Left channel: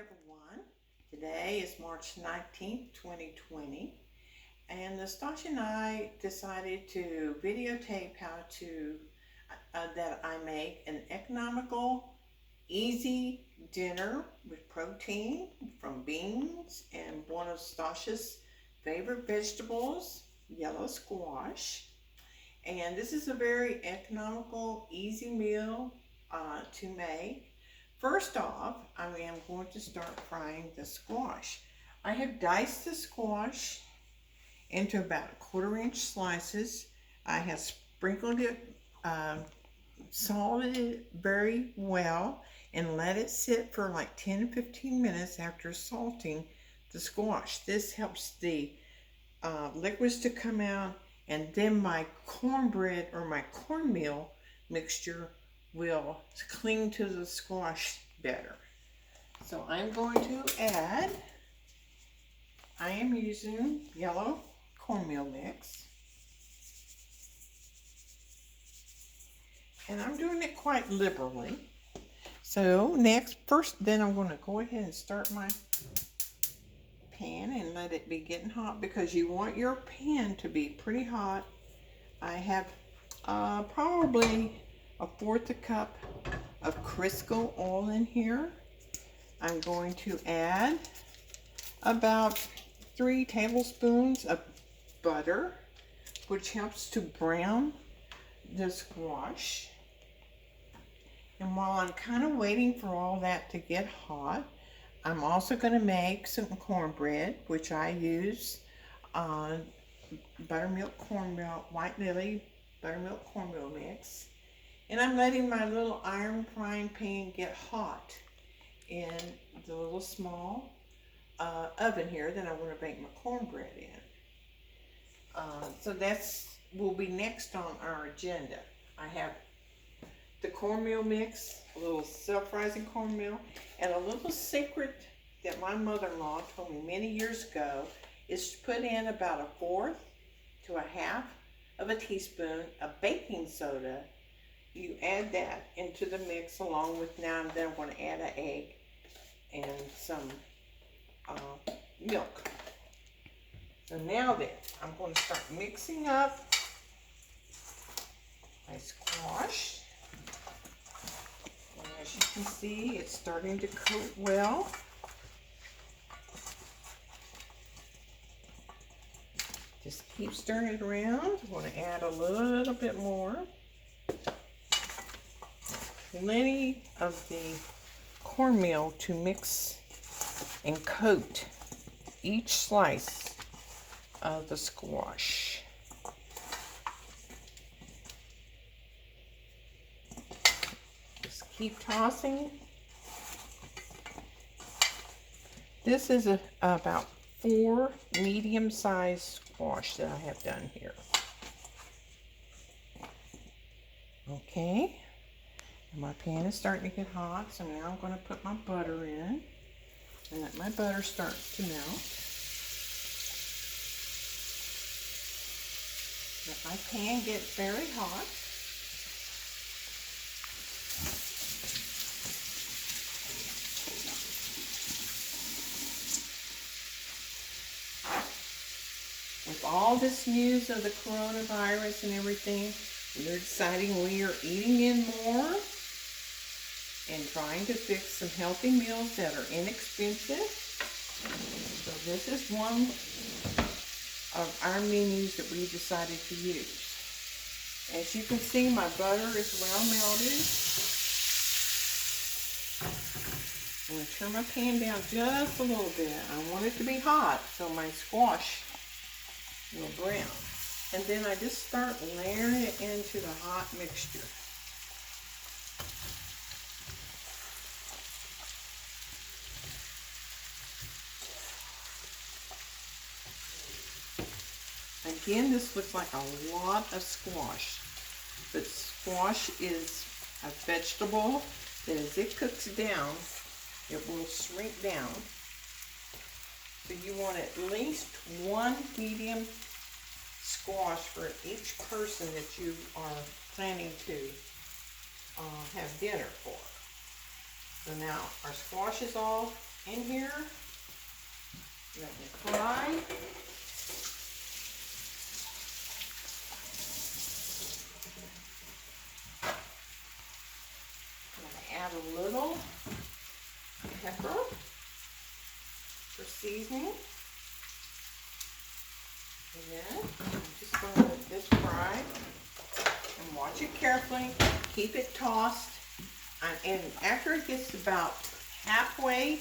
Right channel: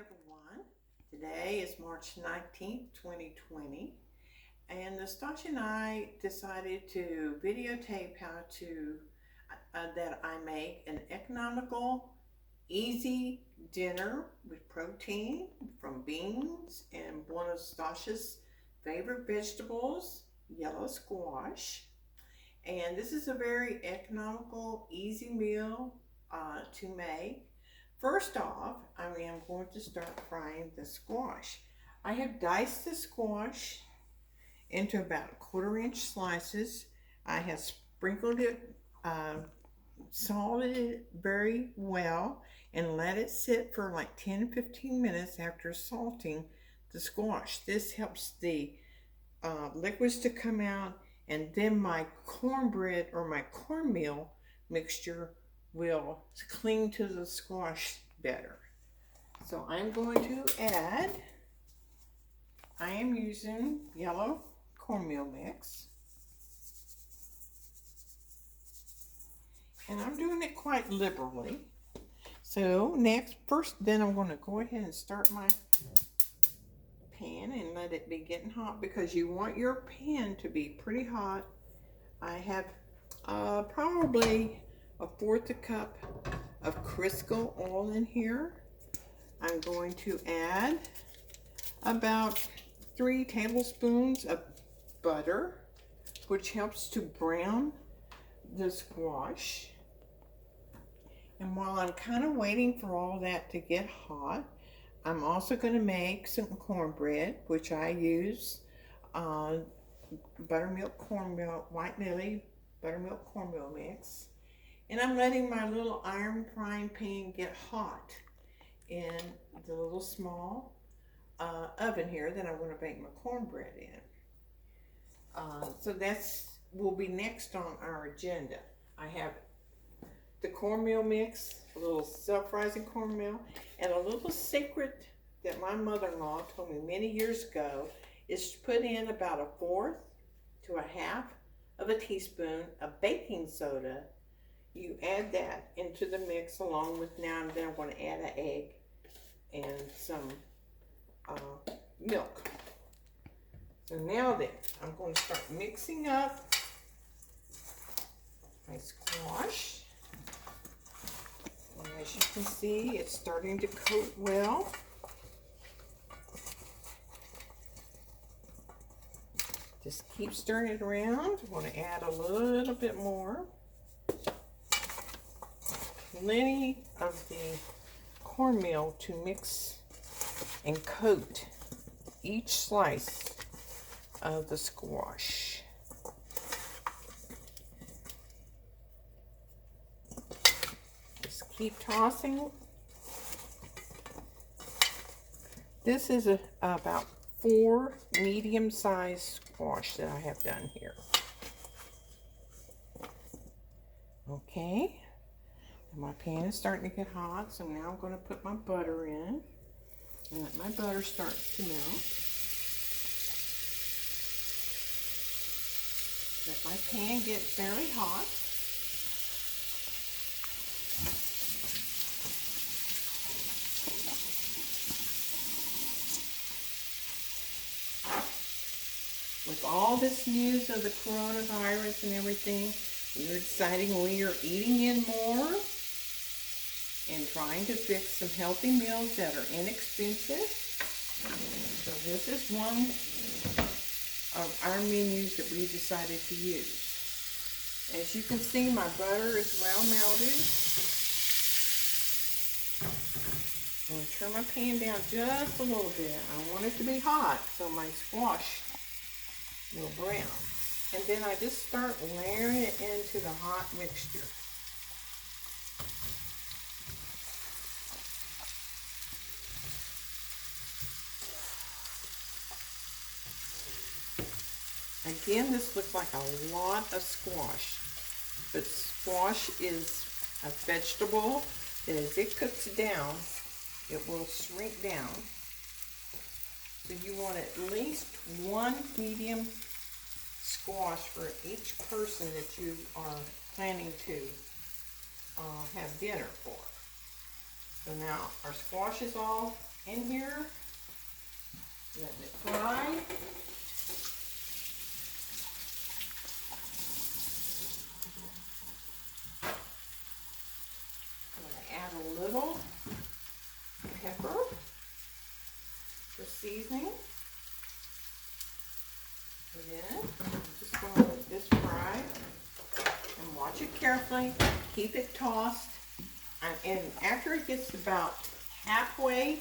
everyone. Today is March 19th, 2020, and Nastasha and I decided to videotape how to that I make an economical, easy dinner with protein from beans and one of Nastasha's favorite vegetables, yellow squash. And this is a very economical, easy meal to make. First off, I am going to start frying the squash. I have diced the squash into about 1/4 inch slices. I have sprinkled it, salted it very well, and let it sit for like 10-15 minutes after salting the squash. This helps the liquids to come out, and then my cornbread or my cornmeal mixture will cling to the squash better. So I'm going to add, I am using yellow cornmeal mix. And I'm doing it quite liberally. So then I'm going to go ahead and start my pan and let it be getting hot, because you want your pan to be pretty hot. I have probably 1/4 cup of Crisco oil in here. I'm going to add about 3 tablespoons of butter, which helps to brown the squash. And while I'm kind of waiting for all that to get hot, I'm also going to make some cornbread, which I use buttermilk cornmeal, White Lily buttermilk cornmeal mix. And I'm letting my little iron frying pan get hot in the little small oven here that I want to bake my cornbread in. So will be next on our agenda. I have the cornmeal mix, a little self-rising cornmeal, and a little secret that my mother-in-law told me many years ago is to put in about 1/4 to 1/2 of a teaspoon of baking soda. You add that into the mix along with, now and then I'm going to add an egg and some milk. So now then, I'm going to start mixing up my squash. And as you can see, it's starting to coat well. Just keep stirring it around. I'm going to add a little bit more. Plenty of the cornmeal to mix and coat each slice of the squash. Just keep tossing. This is about 4 medium-sized squash that I have done here. Okay. My pan is starting to get hot, so now I'm going to put my butter in and let my butter start to melt. Let my pan get very hot. With all this news of the coronavirus and everything, we're deciding we are eating in more and trying to fix some healthy meals that are inexpensive. So this is one of our menus that we decided to use. As you can see, my butter is well melted. I'm going to turn my pan down just a little bit. I want it to be hot so my squash will brown. And then I just start layering it into the hot mixture. Again, this looks like a lot of squash, but squash is a vegetable that as it cooks down, it will shrink down. So you want at least 1 medium squash for each person that you are planning to have dinner for. So now our squash is all in here. Letting it fry. I'm going to add a little pepper for seasoning. And then I'm just going to let this fry and watch it carefully. Keep it tossed. And after it gets about halfway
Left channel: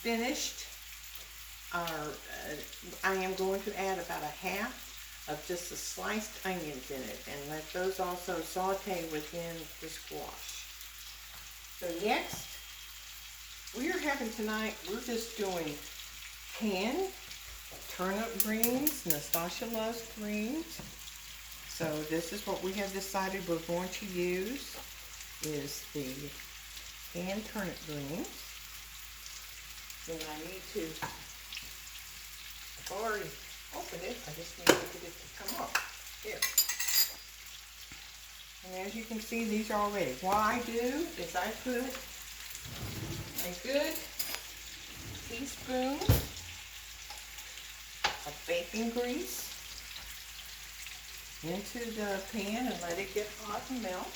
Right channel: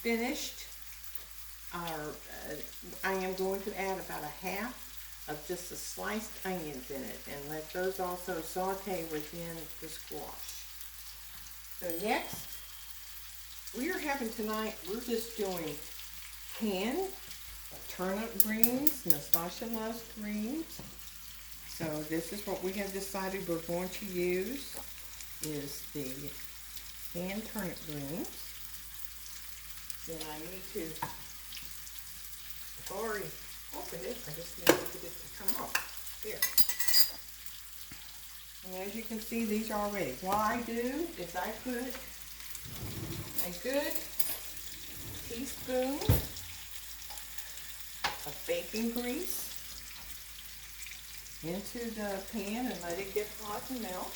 finished, I am going to add about a half of just the sliced onions in it and let those also saute within the squash. So next, we are having tonight, we're just doing canned turnip greens. Nastasia loves greens. So this is what we have decided we're going to use, is the canned turnip greens. Then I need to, I've already opened it, I just need to get it to come up. Here. And as you can see, these are all ready. What I do is I put a good teaspoon of bacon grease into the pan and let it get hot and melt.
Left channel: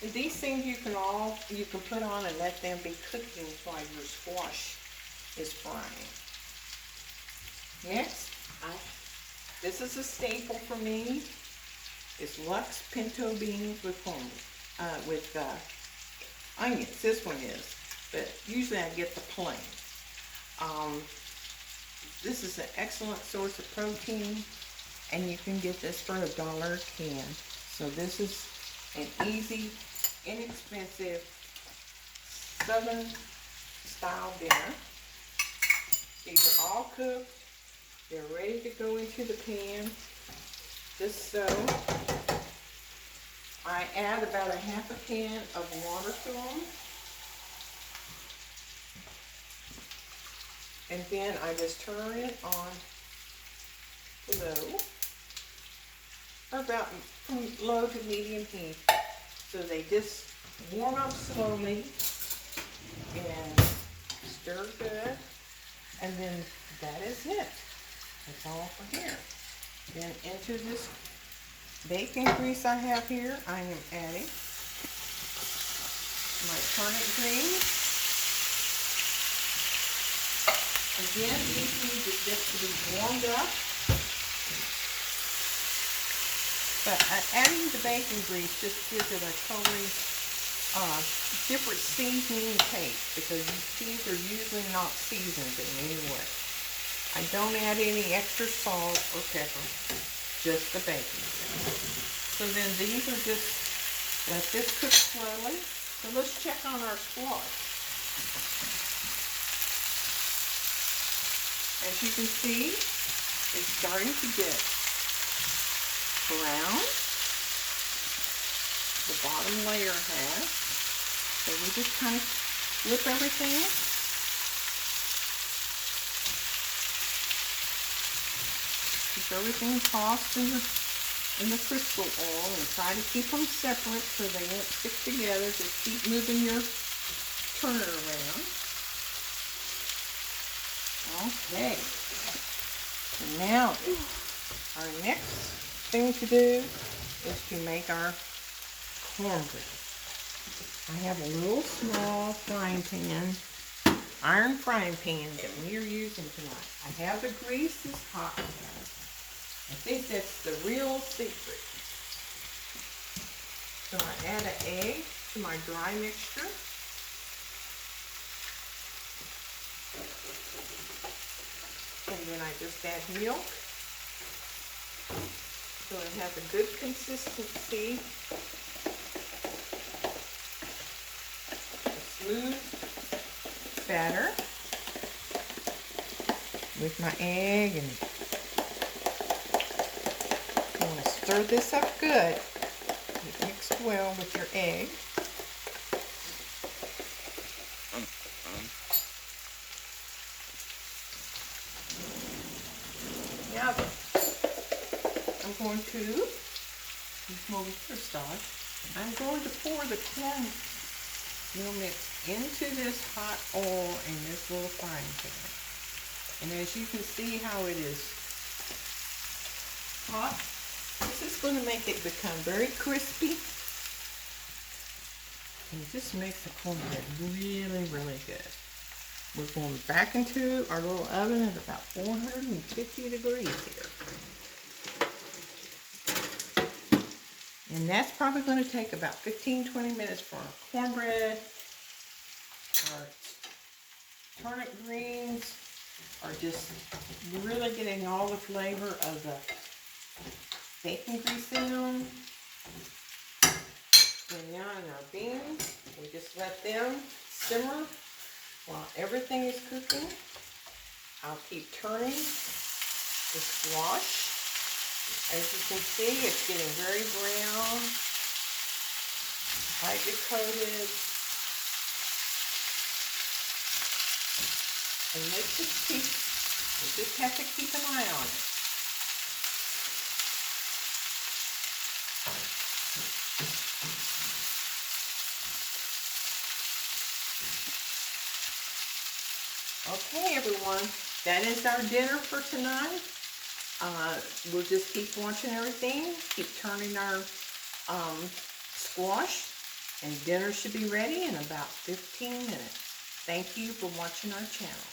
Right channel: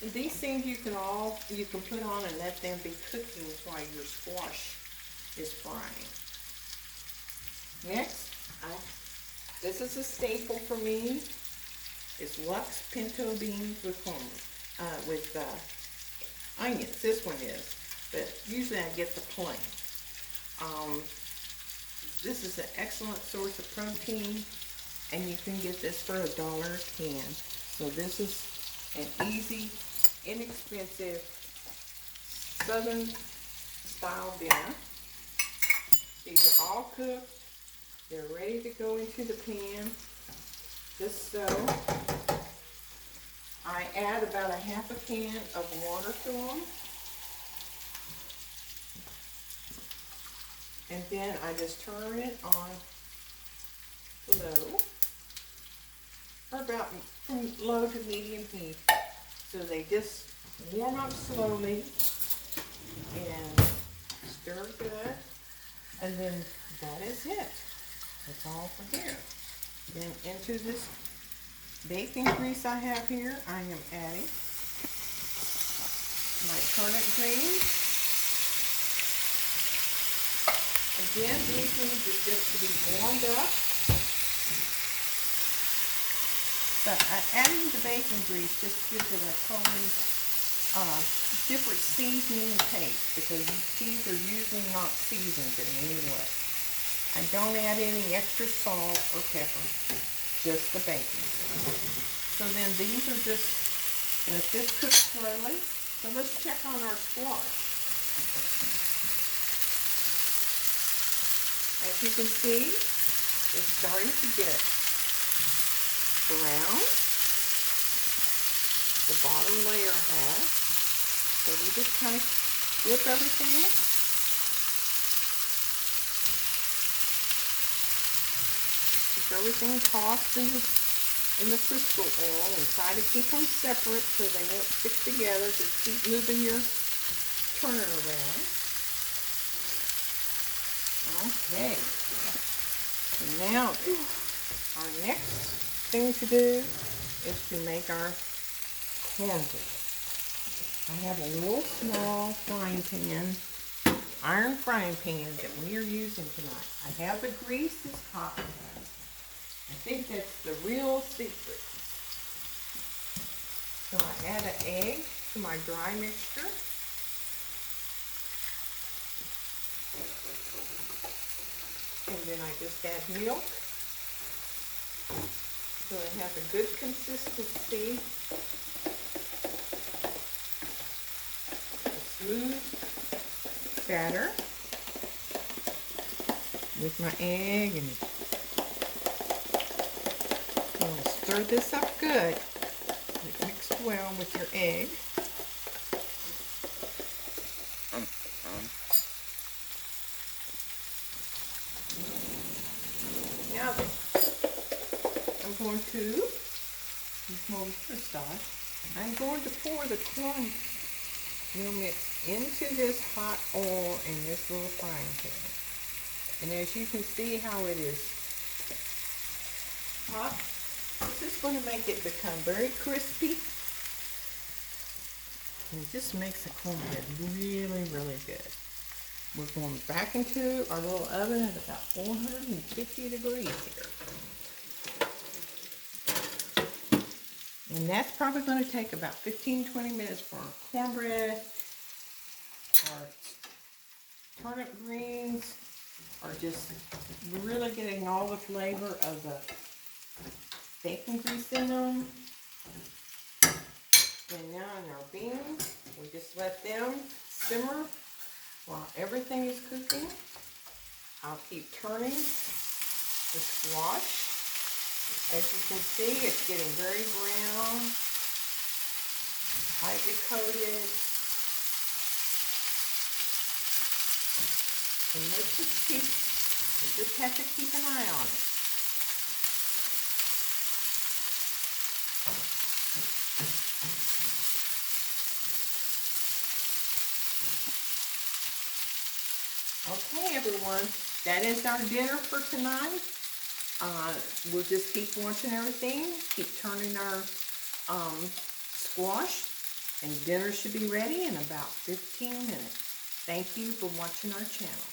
And these things you can put on and let them be cooking while your squash is frying. Next, this is a staple for me. It's Lux pinto beans with onions. This one is, but usually I get the plain. This is an excellent source of protein, and you can get this for $1 a can. So this is an easy, inexpensive Southern style dinner. These are all cooked. They're ready to go into the pan. Just so. I add about a half a can of water to them. And then I just turn it on low, or about from low to medium heat. So they just warm up slowly and stir good. And then that is it. That's all for here. Then into this bacon grease I have here, I am adding my turnip greens. Again, these need just to be warmed up. But adding the bacon grease just gives it a totally different seasoning taste, because these are usually not seasoned in any way. I don't add any extra salt or pepper, just the bacon. So then these are just, let this cook slowly. So let's check on our squash. As you can see, it's starting to get brown. The bottom layer has. So we just kind of flip everything. Keep everything tossed in the Crisco oil and try to keep them separate so they won't stick together. Just keep moving your turner around. Okay. So now our next thing to do is to make our cornbread. I have a little small frying pan, iron frying pan that we are using tonight. I have the grease is hot. I think that's the real secret. So I add an egg to my dry mixture. And then I just add milk. So it has a good consistency. A smooth batter with my egg, and you want to stir this up good. It mixed well with your egg. Now then, I'm going to use my Worcestershire sauce. I'm going to pour the corn We'll mix into this hot oil in this little frying pan. And as you can see how it is hot, this is going to make it become very crispy. And it just makes the cornbread really, really good. We're going back into our little oven at about 450 degrees here. And that's probably going to take about 15-20 minutes for our cornbread. Our turnip greens are just really getting all the flavor of the bacon grease in them. And now in our beans, we just let them simmer while everything is cooking. I'll keep turning the squash. As you can see, it's getting very brown, lightly coated. And we just have to keep an eye on it. Okay, everyone, that is our dinner for tonight. We'll just keep watching everything, keep turning our squash, and dinner should be ready in about 15 minutes. Thank you for watching our channel.